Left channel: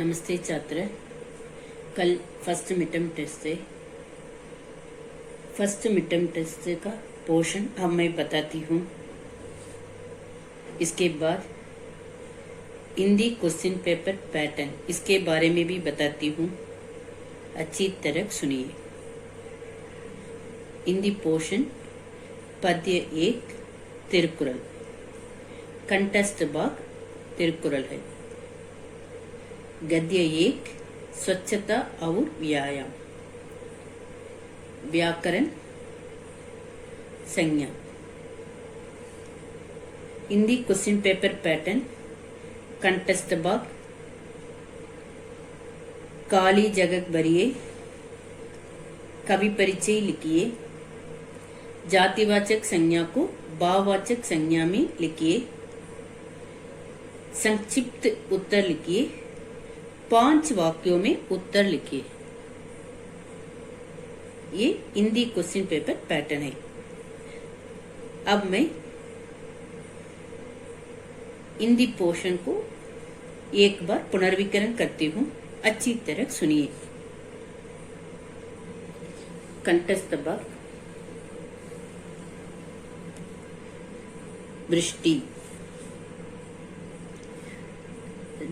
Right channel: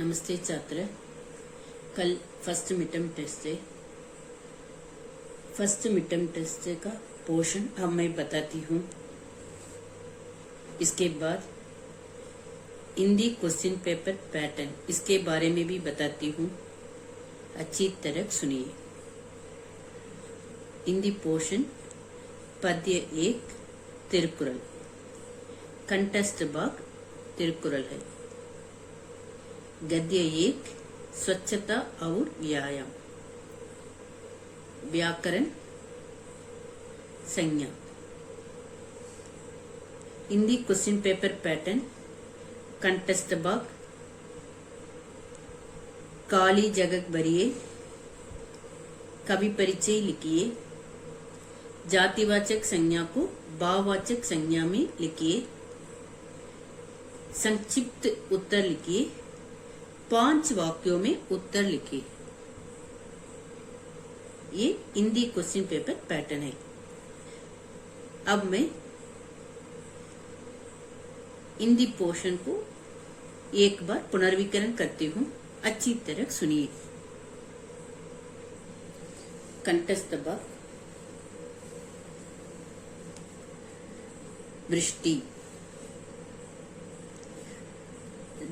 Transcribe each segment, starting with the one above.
नमस्ते छात्र। कल फर्स्ट मिड टर्म टेस्ट का पोर्शन अब मैं बताती हूँ। इसके बाद हिंदी क्वेश्चन पेपर पैटर्न इसके बारे में भी बताती हूँ, अच्छी तरह सुनिए। हिंदी पोर्शन पद्य 1 तिरुकुरल, कंठस्थ भाग तिरुकुरल है। गद्य 1 स्वच्छता और व्यायाम, व्याकरण संज्ञा। हिंदी क्वेश्चन पेपर पैटर्न कंठस्थ भाग, खाली जगह भरिए, कवि परिचय लिखिए, जातिवाचक संज्ञा को भाववाचक संज्ञा में लिखिए, संक्षिप्त उत्तर लिखिए, 5 वाक्यों में उत्तर लिखिए। ये हिंदी क्वेश्चन पेपर पैटर्न है। अब मैं हिंदी पोर्शन को एक बार पुनर्विकरण करती हूँ, अच्छी तरह सुनिए। कंठस्थ भाग, वृष्टि।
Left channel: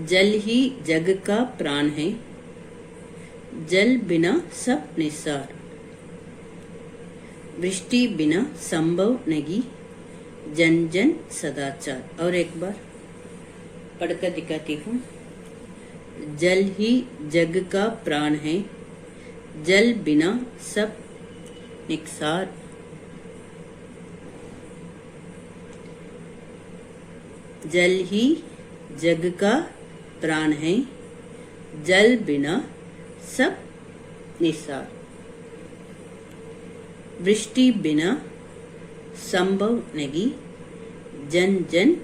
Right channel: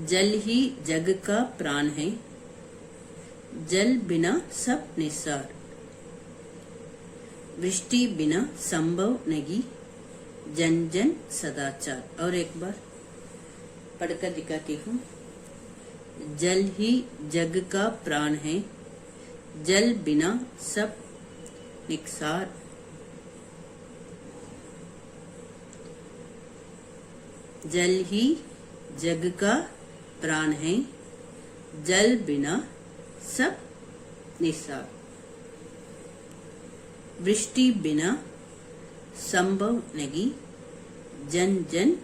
जल ही जग का प्राण है, जल बिना सब निस्सार। वृष्टि बिना संभव नहीं, जन जन सदाचार। और एक बार पढ़कर दिखाती हूँ। जल ही जग का प्राण है, जल बिना सब निस्सार। जल ही जग का प्राण है, जल बिना सब निस्सार। वृष्टि बिना संभव नहीं, जन जन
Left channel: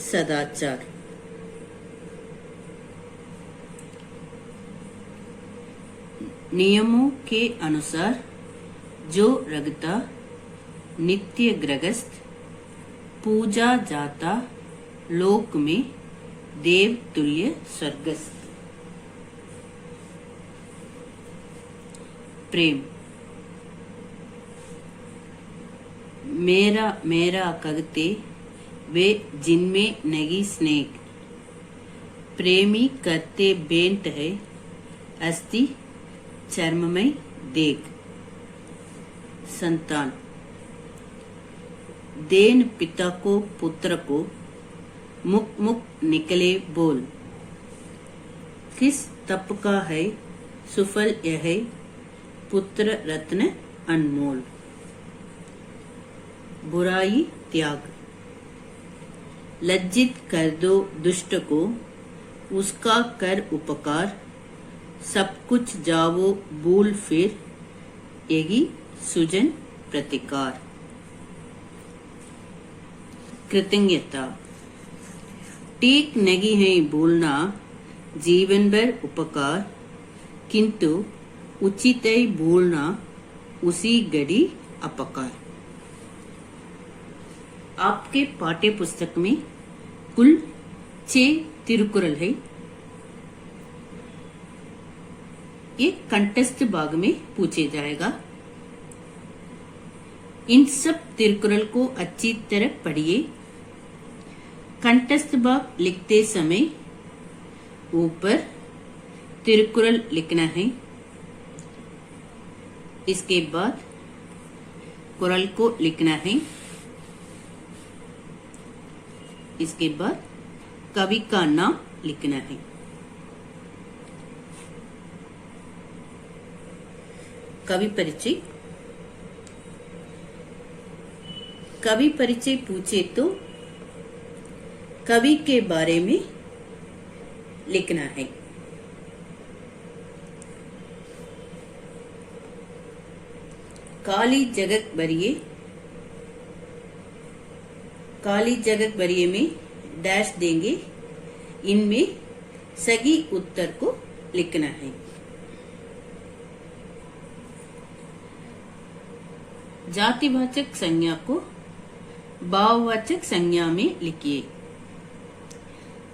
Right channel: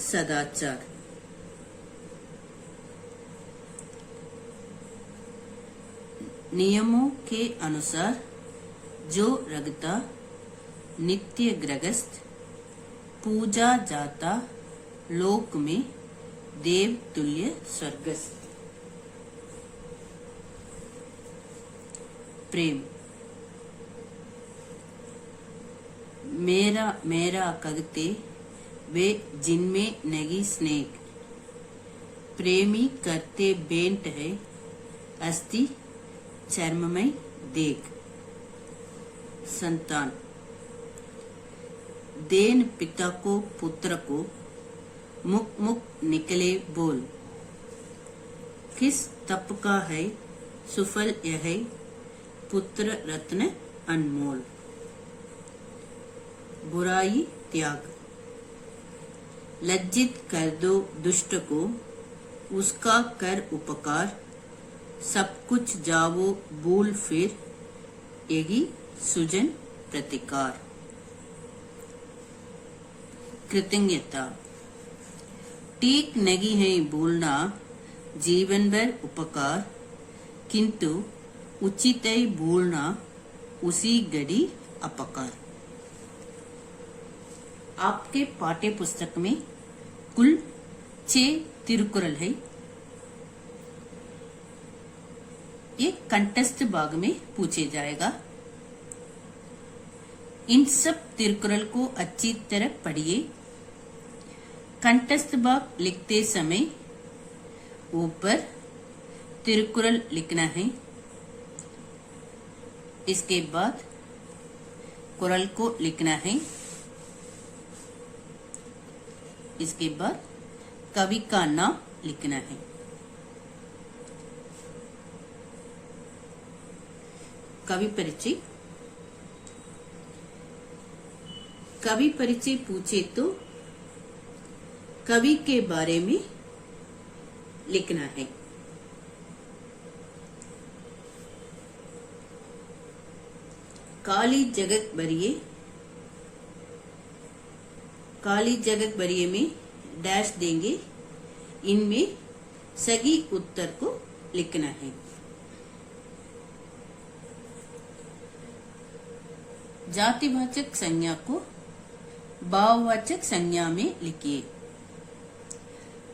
सदाचार। नियमों के अनुसार जो रगता नित्य गृहस्थ, पूजा जाता लोक में देव तुल्य स्वर्गस्थ। प्रेम। मेरा मेरा कहते वे जिनमें नहीं स्नेह, प्रेमी करते बेंट है अस्थि चर्म में देख। संतान। देन पिता को पुत्र को, मुख मुख निकले बोल। किस तप का है सुफल यह है, पुत्र रत्न अनमोल। बुराई त्याग। लज्जित कर दो दुष्ट को, उसका कर उपकार। सब कुछ जावो भूल फिर, यही सुजन प्रतिकार। कृतज्ञता। ठीक नहीं है भूलना जीवन भर उपकार, किंतु उचित है भूलना उसी घड़ी अपकार। आपके पाठ्य पुस्तक में कुल 6 तिरुकुरल है। ये कंठस्थ भाग में पूछे जाएगा। इन सब तिरुकुरल को अच्छी तरह पढ़िए। कंठस्थ भाग लिखते समय ऊपर तिरुकुरल लिखना है। इसके बाद कुरल को लिखना है। इसके बाद कवि का नाम लिखना है। कवि परिचय। कवि परिचय पूछे तो कवि के बारे में लिखना है। खाली जगह भरिए, खाली जगह भरिए में डैश देंगे। इनमें सही उत्तर को लिखना है। जातिवाचक संज्ञा को भाववाचक संज्ञा में लिखिए।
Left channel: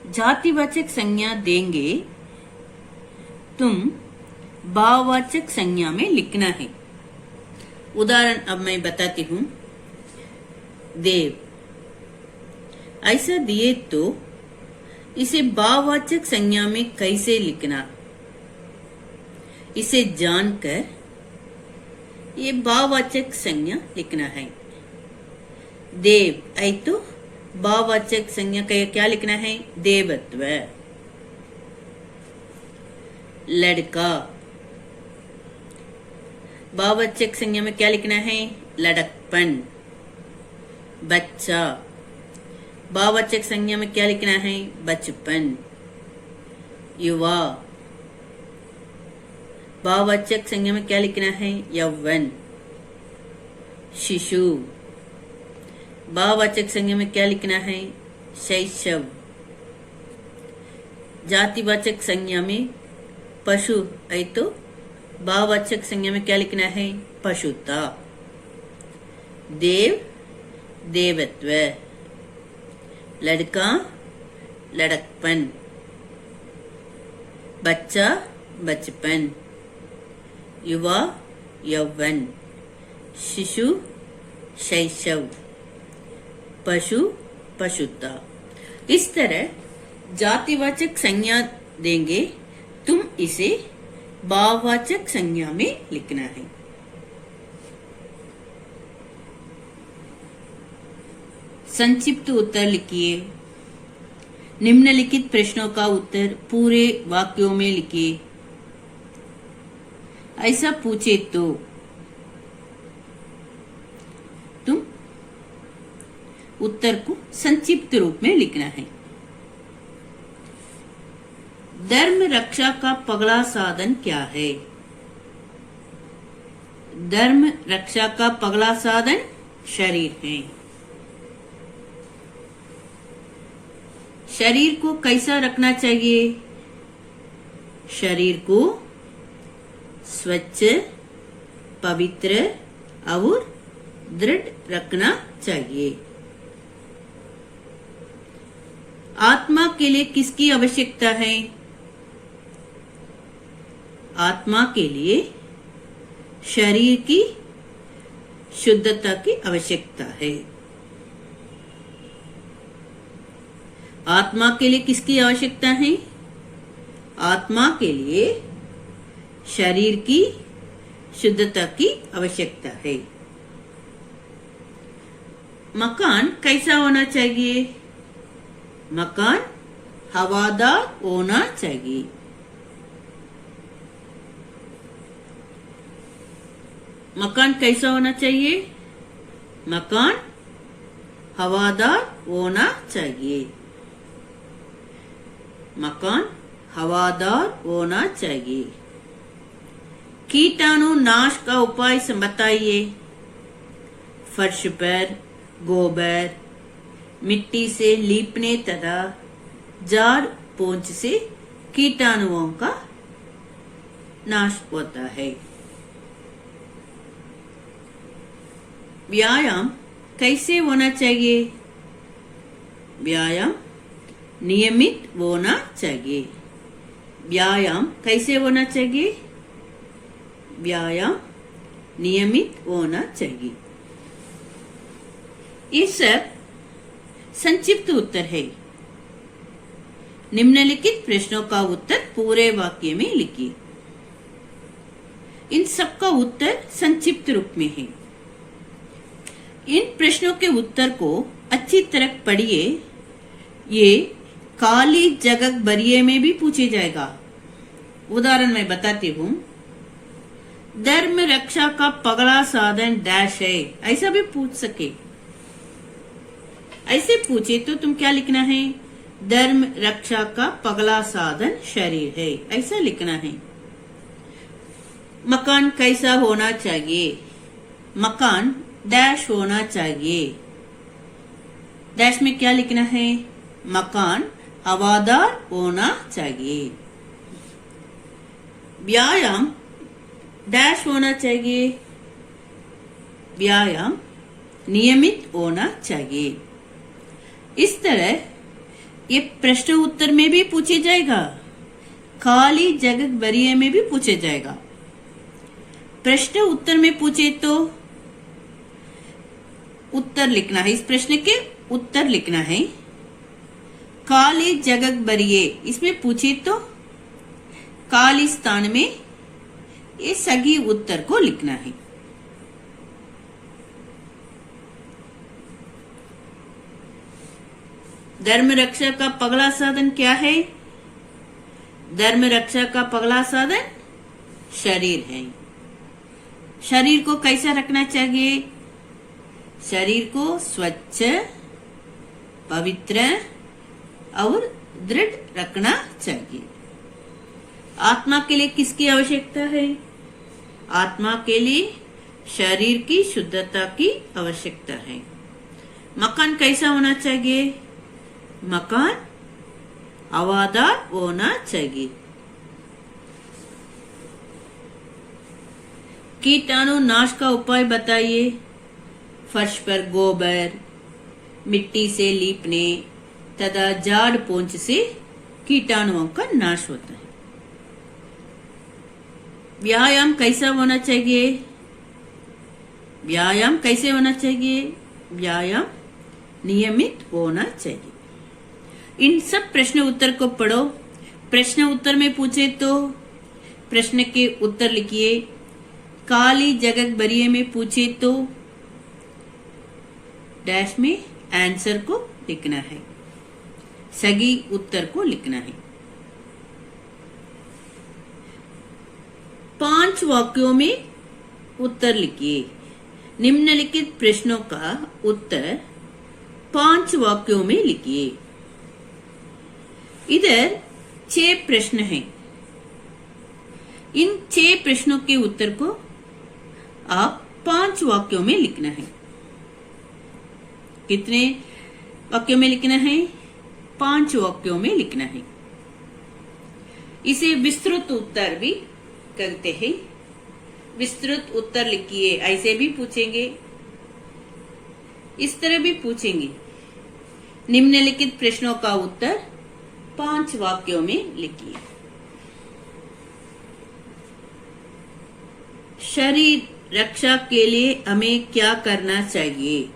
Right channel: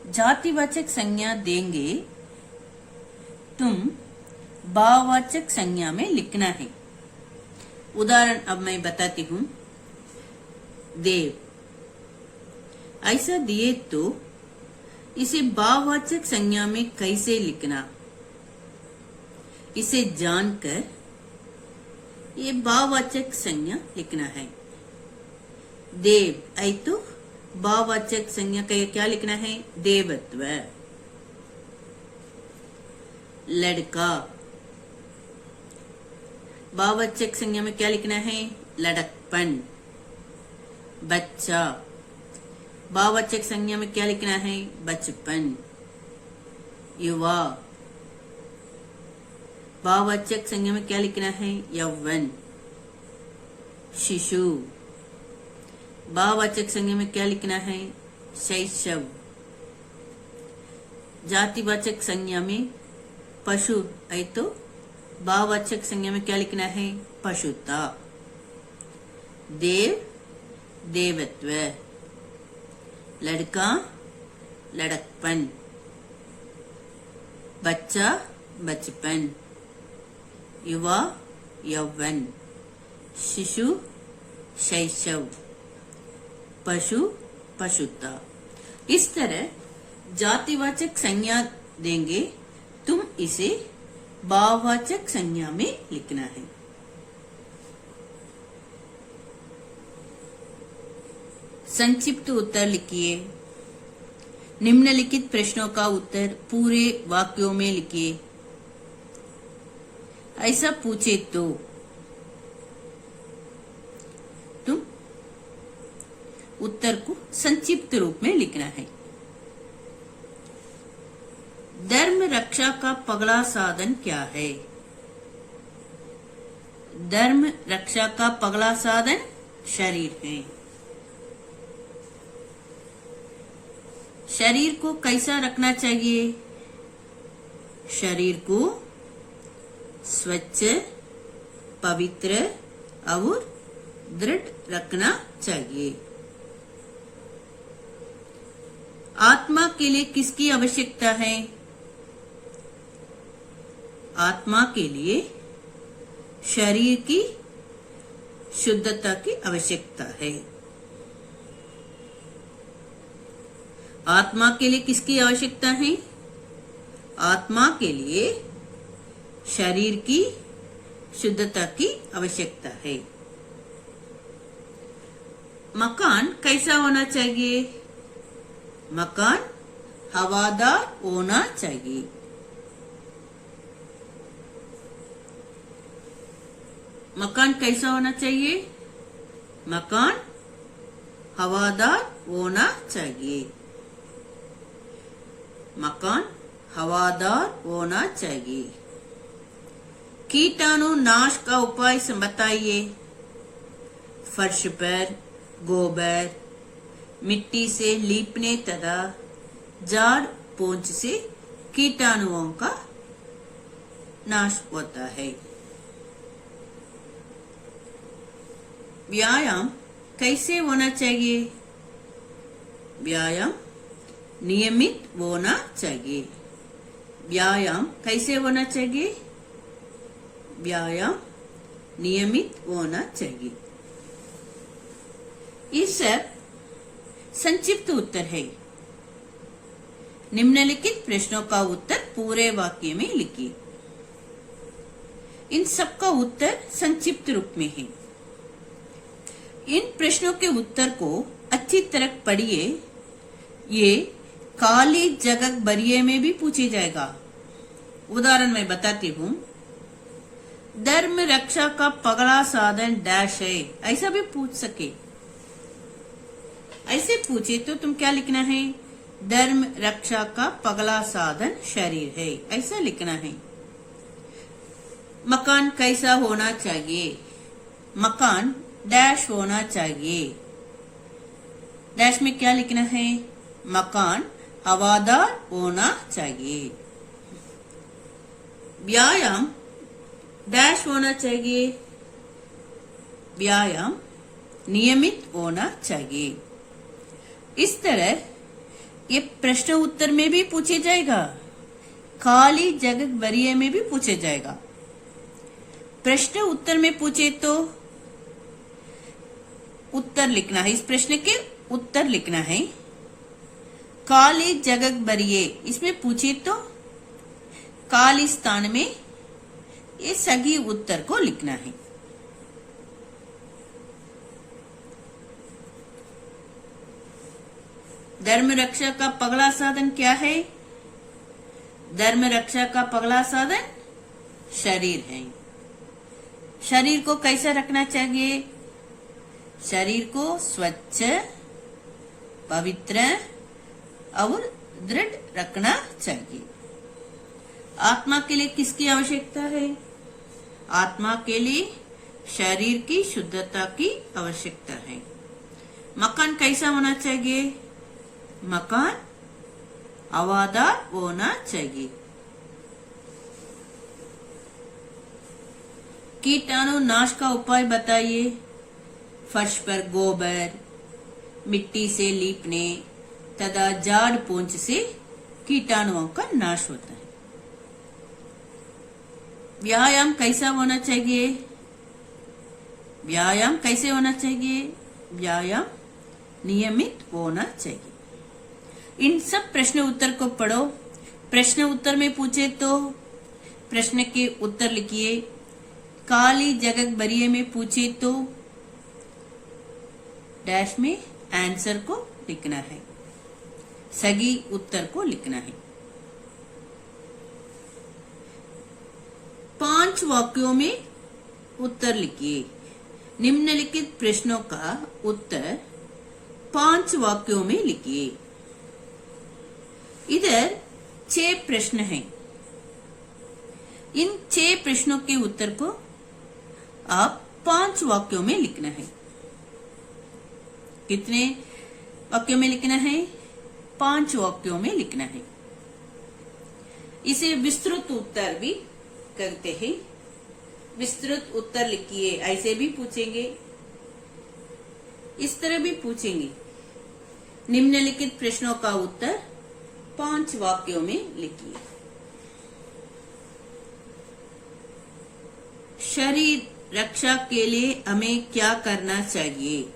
जातिवाचक संज्ञा देंगे तुम भाववाचक संज्ञा में लिखना है। उदाहरण अब मैं बताती हूँ। देव, ऐसा दिए तो इसे भाववाचक संज्ञा में कैसे लिखना, इसे जानकर ये भाववाचक संज्ञा लिखना है। देव ऐ तो भाववाचक संज्ञा का क्या लिखना है? देवत्व। लड़का, भाववाचक संज्ञा में क्या लिखना है? लड़कपन। बच्चा, भाववाचक संज्ञा में क्या लिखना है? बचपन। युवा, भाववाचक संज्ञा में क्या लिखना है? यौवन। शिशु, भाववाचक संज्ञा में क्या लिखना है? शैशव। जातिवाचक संज्ञा में पशु है तो भाववाचक संज्ञा में क्या लिखना है? पशुता। देव, देवत्व। लड़का, लड़कपन। बच्चा, बचपन। युवा, यौवन। शिशु, शैशव। पशु, पशुता। इस तरह जातिवाचक संज्ञा देंगे, तुम इसे भाववाचक संज्ञा में लिखना है। संक्षिप्त उत्तर लिखिए। निम्नलिखित प्रश्नों का उत्तर पूरे वाक्यों में लिखिए। ऐसा पूछे तो तुम उत्तर को संक्षिप्त रूप में लिखना है। धर्म रक्षा का पगला साधन क्या है? धर्म रक्षा का पगला साधन शरीर है। शरीर को कैसा रखना चाहिए? शरीर को स्वच्छ, पवित्र और दृढ़ रखना चाहिए। आत्मा के लिए किसकी आवश्यकता है? आत्मा के लिए शरीर की शुद्धता की आवश्यकता है। आत्मा के लिए किसकी आवश्यकता है? आत्मा के लिए शरीर की शुद्धता की आवश्यकता है। मकान कैसा होना चाहिए? मकान हवादार होना चाहिए। मकान कैसा होना चाहिए? मकान हवादार होना चाहिए। मकान हवादार होना चाहिए। कीटाणु नाश का उपाय बताइए। फर्श पर गोबर, मिट्टी से लीपने तथा झाड़ पोंछ से कीटाणुओं का नाश होता है। व्यायाम कैसे होना चाहिए? व्यायाम नियमित होना चाहिए। व्यायाम कैसे होना चाहिए? व्यायाम नियमित होना चाहिए। ये सब संक्षिप्त उत्तर है। निम्नलिखित प्रश्नों का उत्तर पूरे वाक्य में लिखिए। इन सब का उत्तर संक्षिप्त रूप में है। इन प्रश्नों के उत्तर को अच्छी तरह पढ़िए। ये खाली जगह भरिए में भी पूछे जाएगा। उदाहरण मैं बताती हूँ। धर्म रक्षा का पगला साधन डैश है, ऐसा भी पूछ सके। ऐसे पूछे तो तुम क्या लिखना है? धर्म रक्षा का पगला साधन शरीर है, ऐसा लिखना है। मकान कैसा होना चाहिए? मकान डैश होना चाहिए। डैश में क्या लिखना है? मकान हवादार होना चाहिए। व्यायाम डैश होना चाहिए। व्यायाम नियमित होना चाहिए। इस तरह ये प्रश्न उत्तर में भी पूछे जाएगा। खाली जगह भरिए में भी पूछे जाएगा। प्रश्न उत्तर में पूछे तो उत्तर लिखना है, इस प्रश्न के उत्तर लिखना है। खाली जगह भरिए इसमें पूछे तो खाली स्थान में ये सही उत्तर को लिखना है। धर्म रक्षा का पगला साधन क्या है? धर्म रक्षा का पगला साधन शरीर है। शरीर को कैसा रखना चाहिए? शरीर को स्वच्छ, पवित्र और दृढ़ रखना चाहिए। आत्मा के लिए किसकी आवश्यकता है? आत्मा के लिए शरीर की शुद्धता की आवश्यकता है। मकान कैसा होना चाहिए? मकान हवादार होना चाहिए। कीटाणु नाश का उपाय बताइए। फर्श पर गोबर, मिट्टी से लीपने तथा झाड़ पोंछ से कीटाणुओं का नाश होता है। व्यायाम कैसा होना चाहिए? व्यायाम कैसे होना चाहिए? व्यायाम नियमित होना चाहिए। इन सब प्रश्न उत्तर को पढ़ो। प्रश्न उत्तर में पूछे तो प्रश्न के उत्तर लिखिए। खाली जगह भरिए में पूछे तो डैश में आंसर को लिखना है, सही उत्तर को लिखना है। 5 वाक्यों में उत्तर लिखिए। निम्नलिखित प्रश्नों का उत्तर 5 वाक्यों में लिखिए। इधर 6 प्रश्न हैं। इन 6 प्रश्नों के उत्तर को आप 5 वाक्यों में लिखना है। कितने वाक्यों में लिखना है? 5 वाक्यों में लिखना है। इसे विस्तृत उत्तर भी करते हैं। विस्तृत उत्तर लिखिए। ऐसे भी पूछेंगे, इस तरह भी पूछेंगे। निम्नलिखित प्रश्नों का उत्तर 5 वाक्यों में लिखिए। शरीर रक्षा के लिए हमें क्या करना चाहिए?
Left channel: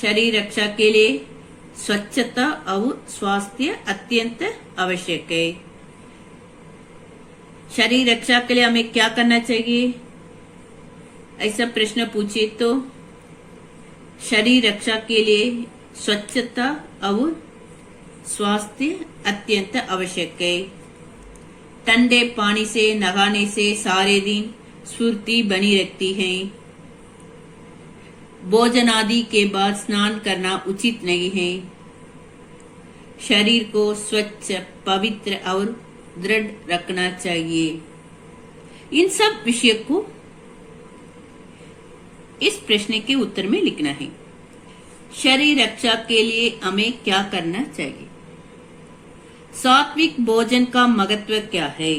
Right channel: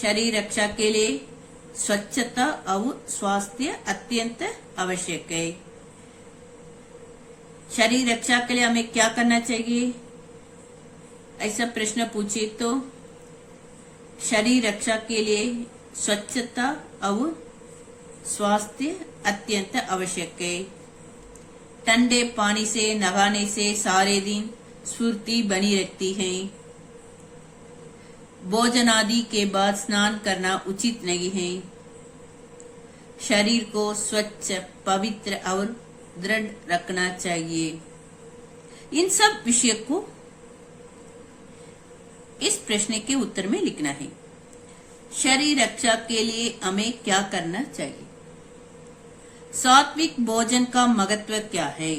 शरीर रक्षा के लिए स्वच्छता और स्वास्थ्य अत्यंत आवश्यक है। शरीर रक्षा के लिए हमें क्या करना चाहिए? ऐसा प्रश्न पूछे तो शरीर रक्षा के लिए स्वच्छता और स्वास्थ्य अत्यंत आवश्यक है। ठंडे पानी से नहाने से सारे दिन स्फूर्ति बनी रहती है। भोजन आदि के बाद स्नान करना उचित नहीं है। शरीर को स्वच्छ, पवित्र और दृढ़ रखना चाहिए। इन सब विषय को इस प्रश्न के उत्तर में लिखना है। शरीर रक्षा के लिए हमें क्या करना चाहिए? सात्विक भोजन का महत्व क्या है?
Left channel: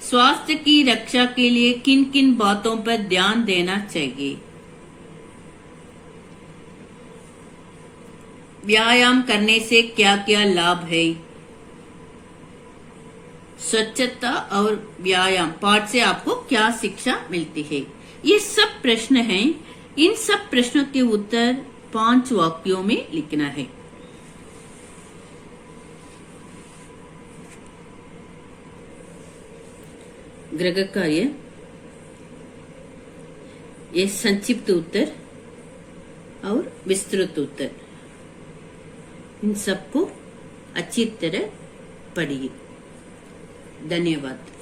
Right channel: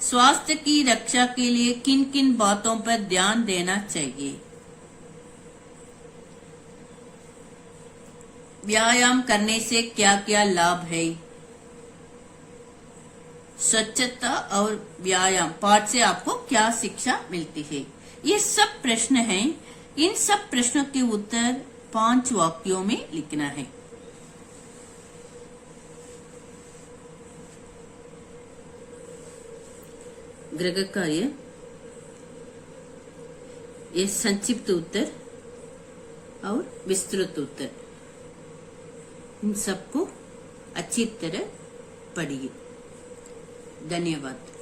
स्वास्थ्य की रक्षा के लिए किन किन बातों पर ध्यान देना चाहिए? व्यायाम करने से क्या क्या लाभ है? स्वच्छता और व्यायाम पाठ से आपको क्या शिक्षा मिलती है? ये सब प्रश्न हैं। इन सब प्रश्नों के उत्तर 5 वाक्यों में लिखना है। गृह कार्य, ये संक्षिप्त उत्तर और विस्तृत उत्तर, इन सबको अच्छी तरह पढ़िए। धन्यवाद।